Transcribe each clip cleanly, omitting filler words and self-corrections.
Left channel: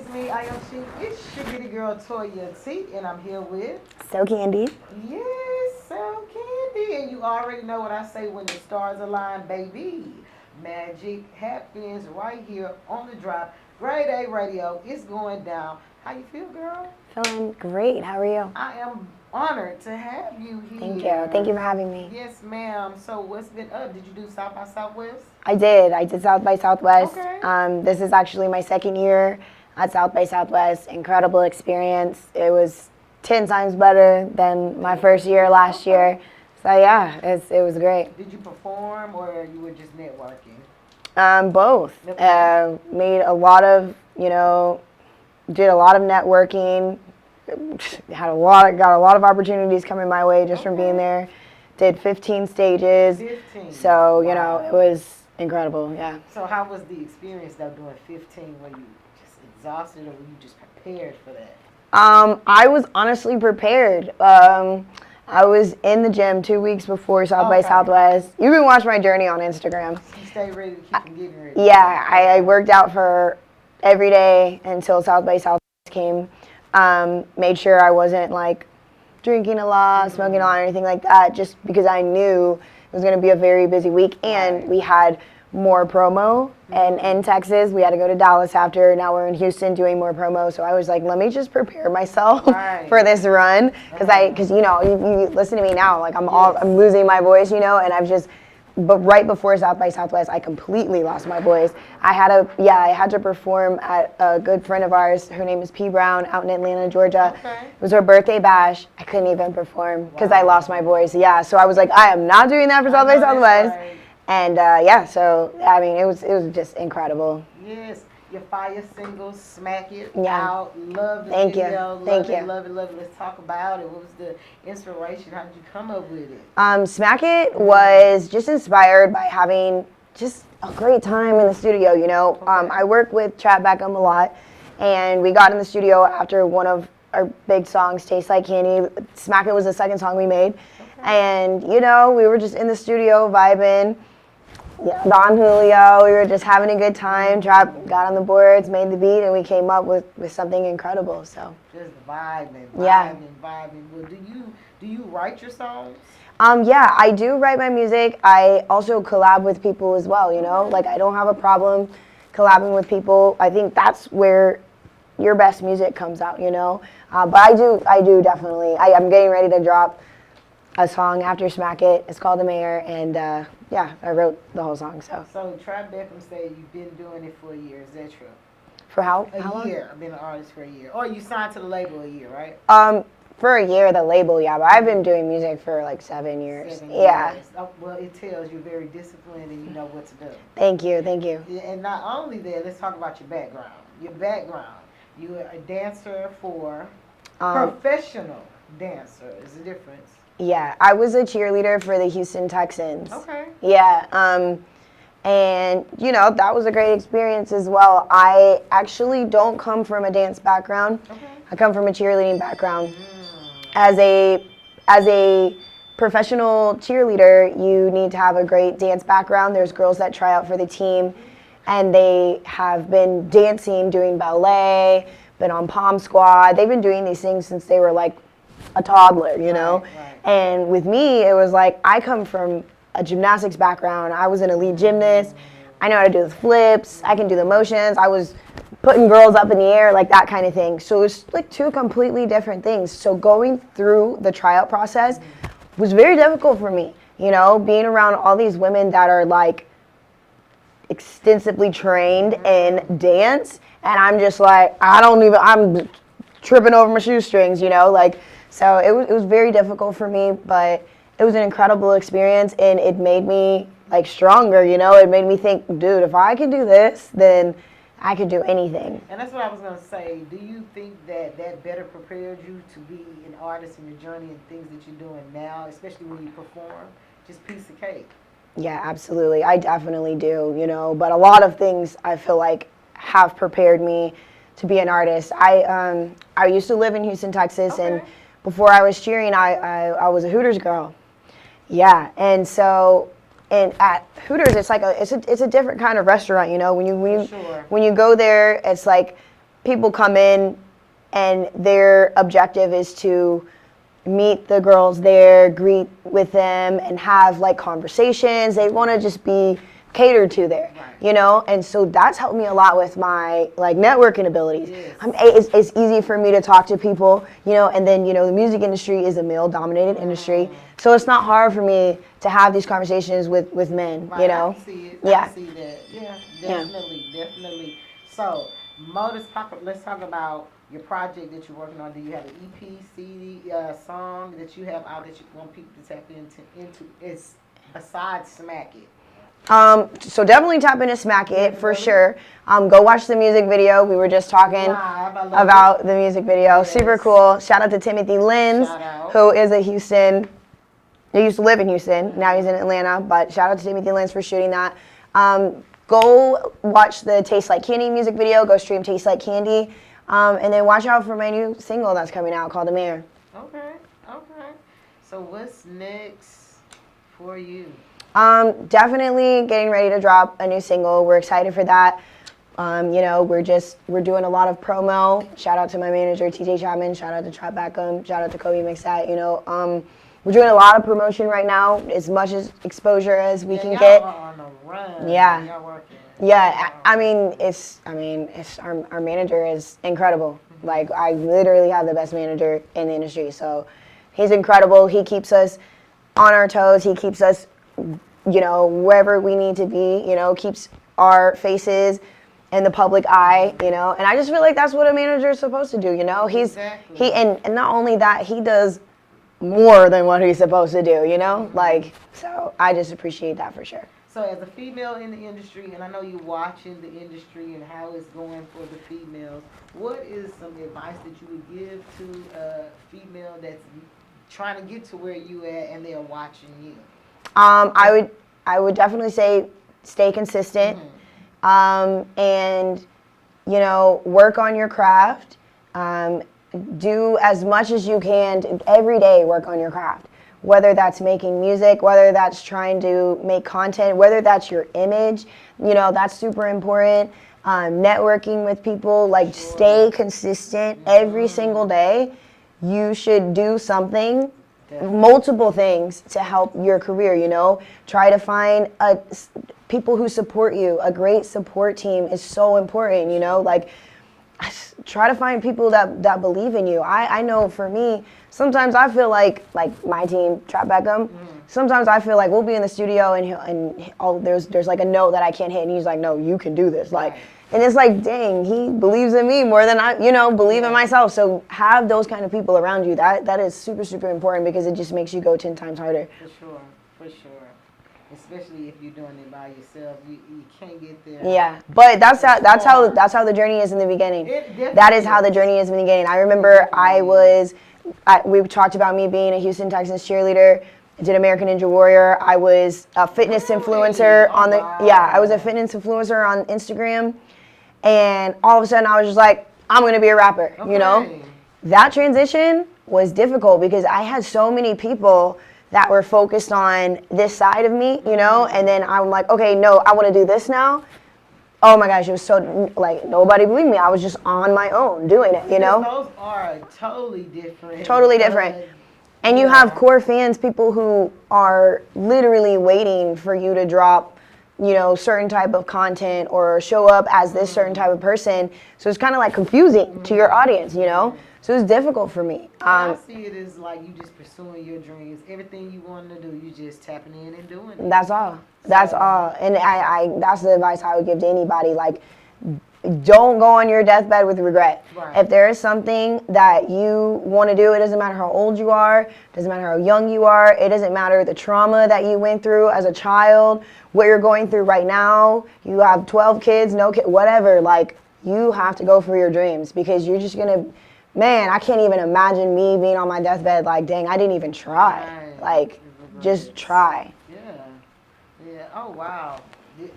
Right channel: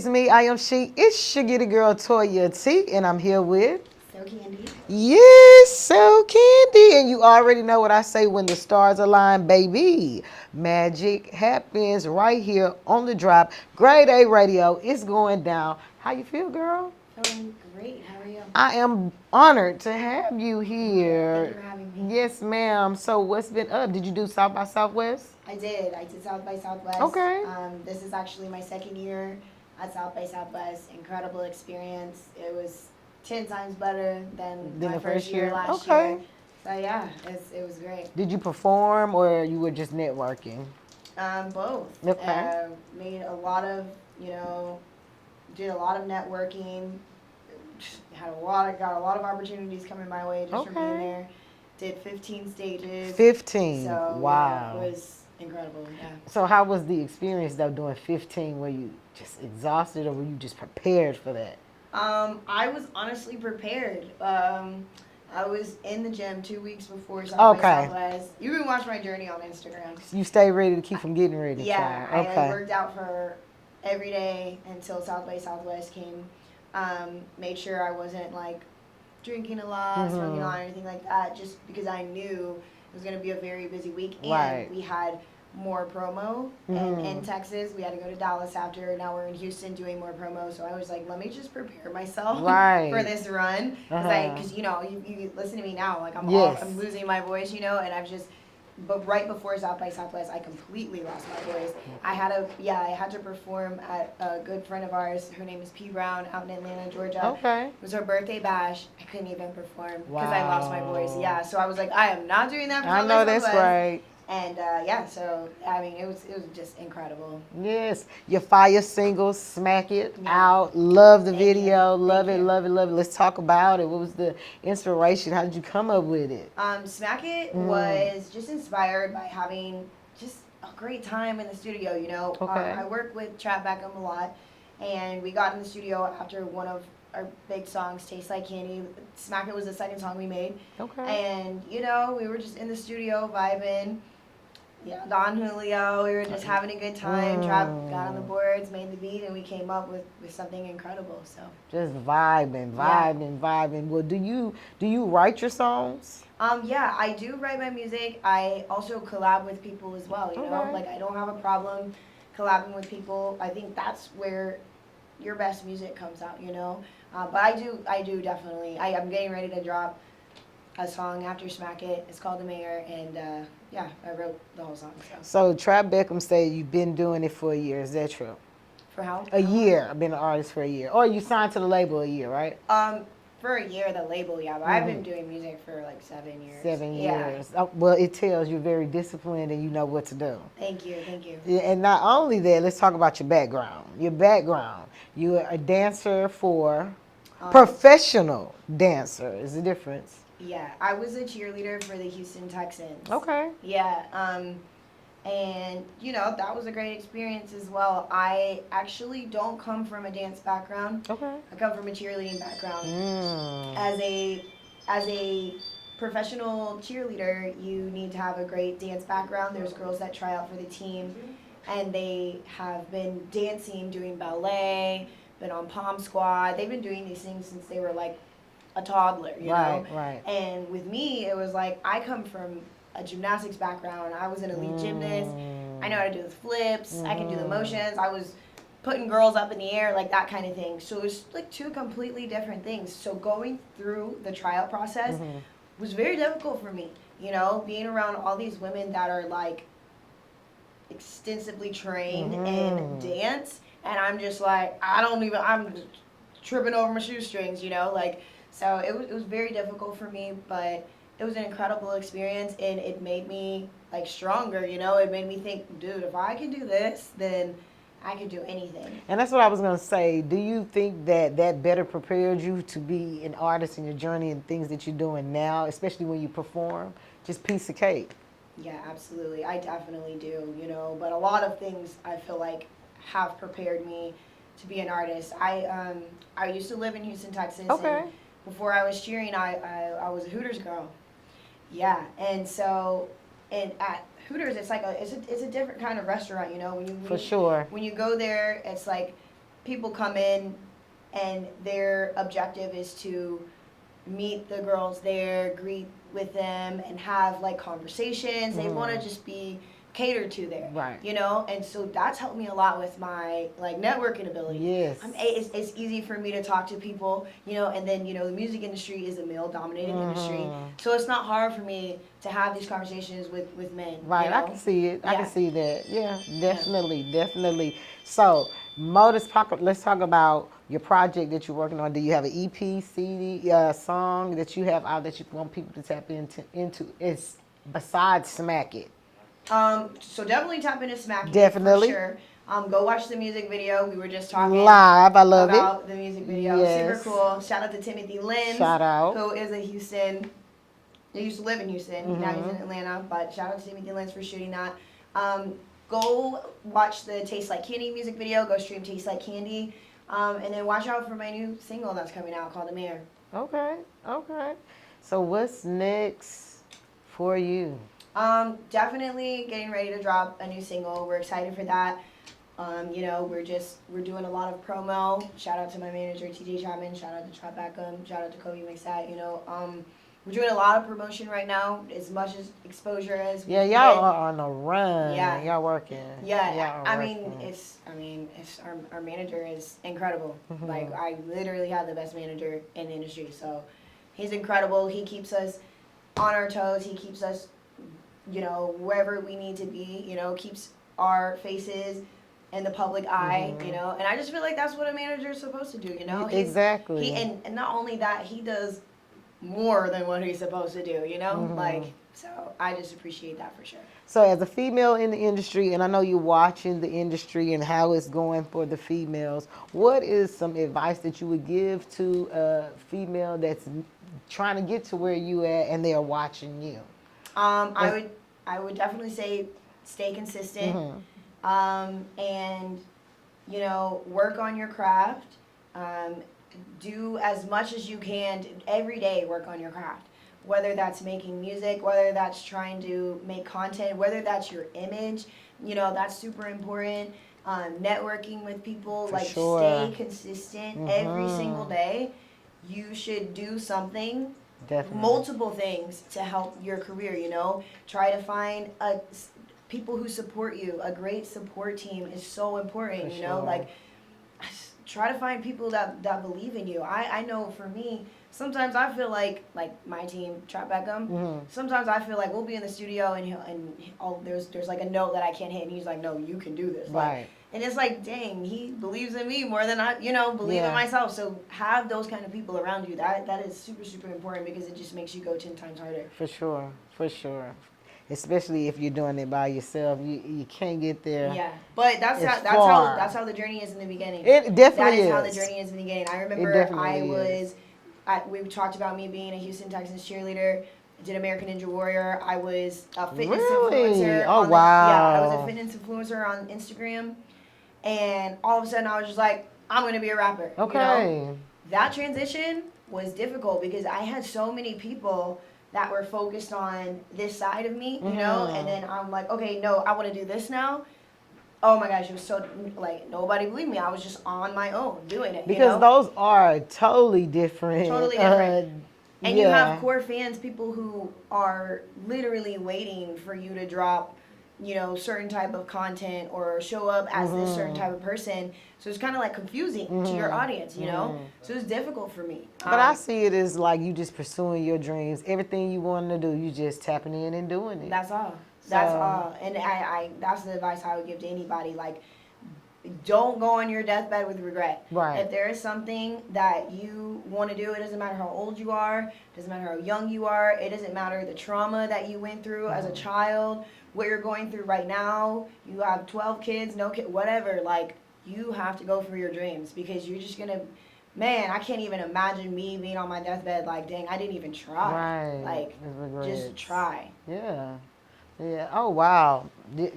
is me, I am she. It's your Giddy Girl Toya T, and I'm here with So Candy. Yes, so Candy. And you already know what I say when the stars align, baby. Magic happens right here on the drop. Grade A radio. It's going down. How you feel, girl? Feeling great. How are you? I am honored to have you here. Thank you. Thank you for having me. Yes, ma'am. So what's been up? Did you do South by Southwest? I did. I did South by Southwest. Okay. This is actually my second year at South by Southwest. Incredible experience. It was 10 times better than my first year last year. So yeah, it was great. Did you perform or you were just networking? Both. Okay. Made a lot of, did a lot of networking. Got a lot of opportunities coming my way just from being there. Did 15 stages. 15. So, Wow. it was incredible, yeah. So how was the experience though doing 15? Were you just exhausted or were you just prepared for that? I was honestly prepared. I was in the gym 2 weeks before South by Southwest. You can watch my journey on Instagram. You stay ready to keep from getting ready. Yeah, I worked out for every day until South by Southwest came. Made sure I wasn't like drinking a lot, smoking a lot, or anything like that, just because I knew it was going to be a very busy week. And we had more promo, and in Texas, we had to go to Dallas after. Now we're in Houston doing more promo. So I was like, let me just prepare myself for this run, because you listen to me now, like I'm losing my voice, and I've just. But right before South by Southwest, I completely lost my voice. I had to perform at a good friend of ours. Her name is P. Brown, out in Atlanta, Georgia. It was her birthday bash. I couldn't even perform because I lost my voice. Yeah, so I was like, I am not doing that for South by Southwest. Right. And so I mean, it was just incredible. Yes, your fire single, Smack It, out. Love the video, love it. Let's talk about it. What was the inspiration? How did you come up with it? Smack It was just inspired by having just a great time in the studio. I work with Trap Beckham a lot, and we got in the studio after one of our big songs, Taste Like Candy. Smack It was the second song we made, and we were just in the studio vibing. Don Julio, we were just having a good time. Trap got on the boards, made the beat, and we came up with something incredible. So just vibing. Well, do you write your songs? Yeah, I do write my music. I also collab with people as well. Like I don't have a problem collabing with people. I think that's where your best music comes out. But I do definitely. I'm getting ready to drop a song after Smack It. It's called The Mayor, and I wrote the whole song. So Trap Beckham said you've been doing it for a year. Is that true? For how? A year. I've been an artist for a year. Or you signed to the label a year, right? For a year, the label, yeah. But I've been doing music for like 7 years. 7 years. Well, it tells you're very disciplined and you know what to do. Thank you. Yeah, and not only that, let's talk about your background. You're a dancer for professional dancer. Is the difference? Yeah, I was a cheerleader for the Houston Texans. Okay. Yeah, and that was a great experience as well. I actually don't come from a dance background. I come from a cheerleading background. As a professional cheerleader, you need to have a great dance background. There's girls that try out for the team, and they have been dancing, doing ballet, been on Pom Squad. They've been doing these things since they were like a toddler, Right. And with me, it was like I come from a gymnastics background. I was an elite gymnast. I know how to do the flips. I can do the motions. I was putting girls up in the air, like that kind of thing. So it was like two completely different things. So going through the tryout process was very difficult for me, being around all these women that are like extensively trained in dance. And I'm just like, I'm tripping over my shoestrings, So it was very difficult for me, but it was an incredible experience, and it made me like stronger, It made me think, dude, if I can do this, then I could do anything. And that's what I was going to say. Do you think that better prepared you to be an artist in your journey and things that you're doing now, especially when you perform? Just piece of cake. Yeah, absolutely. I definitely do, But a lot of things I feel like have prepared me to be an artist. I used to live in Houston, Texas, and before I was cheering, I was a Hooters girl. Yeah, and at Hooters, it's like it's a different kind of restaurant, When you go there, it's like people come in and their objective is to meet the girls there, greet with them, and have like conversations. They want to just be catered to there, Right. you know? And so that's helped me a lot with my like networking abilities. Yes. It's easy for me to talk to people, you know, and then, you know, the music industry is a male-dominated industry. So it's not hard for me to have these conversations with men, Right, you know? I can see it. Yeah. I can see that. Yeah, definitely. So, let's talk about your project that you're working on. Do you have an EP, CD, song that you have out that you want people to tap into? It's besides Smack It. So definitely tap into Smack It for Definitely. sure. Go watch the music video. We were just talking Live, I love about the music video. Yes. Super cool. Shout out to Timothy Lenz, Shout out. who is a Houston. He used to live in Houston. Now he's in Mm-hmm. Atlanta. But shout out to Timothy Lenz for shooting that. Go watch the Taste Like Candy music video. Go stream Taste Like Candy. And then watch out for my new single that's coming out called The Mayor. Okay. So what's next for you? Definitely getting ready to drop a new single. We're excited for that. You know, we're doing a lot of promo. Shout out to my manager, TJ Chapman. Shout out to Trap Beckham. Shout out to Kobe Mixat. You know, we're doing a lot of promotion right now, as much as exposure as we can y'all get. are on the run. Yeah. Y'all working. Yeah, Y'all are I mean, working. it's our manager is incredible. Like, I literally have the best manager in the industry. So he's incredible. He keeps us on our toes. He keeps us, you know, wherever we need to be, you know, keeps our faces in the public eye, you know. And I just feel like that's what a manager is supposed to do, you know. Exactly. And not only that, he does more than what he's supposed to do, you know? Like, so I just appreciate that for sure. So as a female in the industry, and I know you're watching the industry and how it's going for the females, what is some advice that you would give to a female that's trying to get to where you at and they're watching you? I would definitely say stay consistent, and you know, work on your craft. Do as much as you can every day. Work on your craft. Whether that's making music, whether that's trying to make content, whether that's your image, you know, that's super important. Networking with people, like Sure. stay consistent every single day. You should do something, Definitely. multiple things to help your career, you know. Try to find people who support you. A great support team is so important, you know. Sure. Like, try to find people that believe in you. I know for me, sometimes I feel like my team, Trap Beckham, sometimes I feel like we'll be in the studio and there's like a note that I can't hit, and he's like, no, you can do this. Like, Right. and it's like, dang, he believes in me more than I, you know, believe Yeah. in myself. So have those kind of people around you. That is super, super important, because it just makes you go 10 times harder. For sure. Especially if you're doing it by yourself, you can't get there. Yeah, but that's It's how far. the journey is in the beginning. It definitely That is how the is. journey is in the beginning. I remember definitely we talked about me being a Houston Texans cheerleader. I did American Ninja Warrior. I was a fitness Really? influencer Oh, on the wow. I was a fitness influencer on Instagram, and all of a sudden I was just like, I'm gonna be a rapper. You know, Okay. that transition was difficult because I had so many people that were focused on this side of me, you know, and then I'm like, okay, no, I want to do this now. Oh my gosh, it was so, like, nobody believed me. I was just on my own doing it, you know? Because those are totally different. Totally different. And you have core fans, people who are literally waiting for you to drop, you know, certain type of content or show up as this certain type of person. So it's kind of like confusing to your audience, you know? So it's difficult for me. But I see it as like you just pursuing your dreams. Everything you want to do, you just tapping in and doing it. That's all. That's So- all. And I that's the advice I would give to anybody. Like, don't go on your deathbed with regret. Right. If there is something that you want to do, it doesn't matter how old you are, it doesn't matter how young you are, it doesn't matter the trauma that you went through as a child, what you're going through right now, you have 12 kids, no kid, whatever, like, you have to go for your dreams, because you're just going to, man, I can't even imagine me being on my deathbed like, dang, I didn't even try. Right. Like, just try. Yeah. Yeah. Oh wow.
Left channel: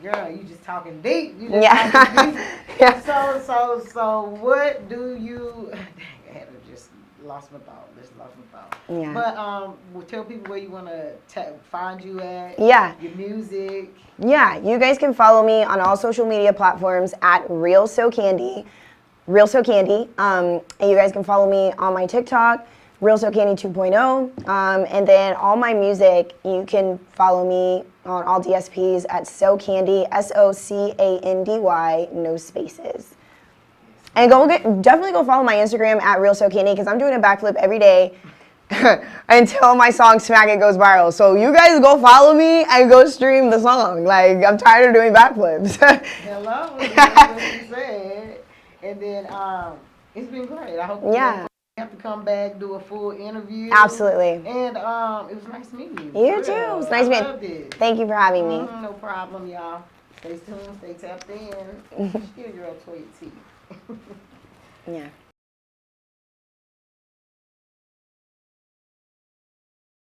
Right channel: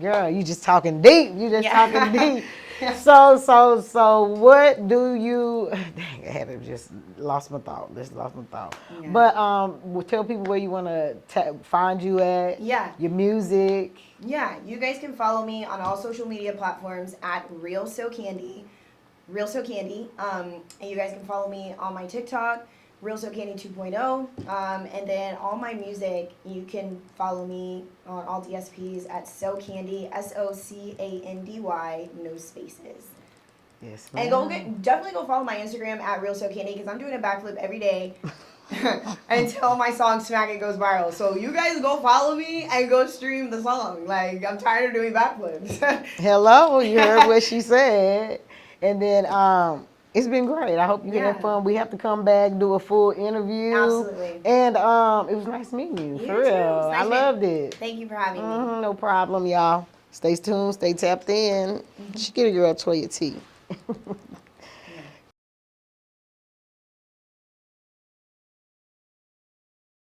Girl, you just talking deep. You just Yeah. talking deep. Yeah. So what do you dang, I had to just lost my thought. Yeah. But tell people where you want to find you at. Yeah. Your music. Yeah, you guys can follow me on all social media platforms at Real So Candy. Real So Candy. And you guys can follow me on my TikTok, Real So Candy 2.0. And then all my music, you can follow me on all DSPs at So Candy, SOCANDY, no spaces. Yes, And definitely go follow my Instagram at Real So Candy, because I'm doing a backflip every day until my song Smack It goes viral. So you guys go follow me and go stream the song. Like, I'm tired of doing backflips. Hello, you heard what she said. And then it's been great. I hope you had fun. We have to come back, do a full interview. Absolutely. And it was nice meeting you. You too. It was nice meeting. I loved it. Thank you for having me. No problem, y'all. Stay tuned, stay tapped in. She get a girl Toya T. Yeah.